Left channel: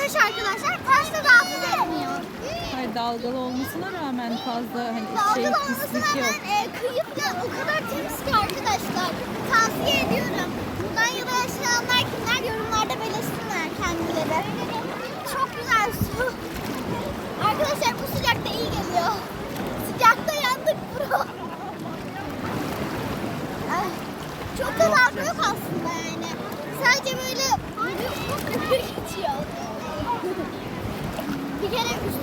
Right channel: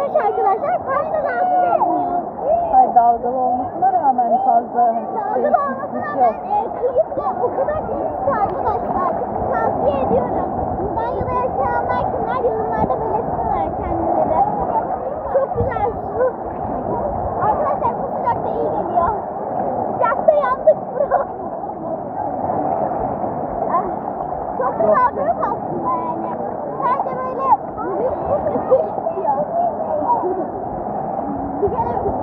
taş arkadaşlar. Taş da rahatsız etmiyor. Hayır dalgalı olmasına rağmen fazla hani şey Dalgalı olmasına yok. rağmen e, kıyı o kadar temiz ki arkadaşlar. Tavsiye ediyorum. Buradan yana yaşayanlar kimler yorumlarda belirsinler kendileri. Çok güzel su. Arkadaşlar bu sıcakta iyi geliyor. Sıcakta yandık bro. Ah, çok da laf aslında yani. Sadece böyle vücut bu geçiyor. Bir kere üstünden bir dalga geçti.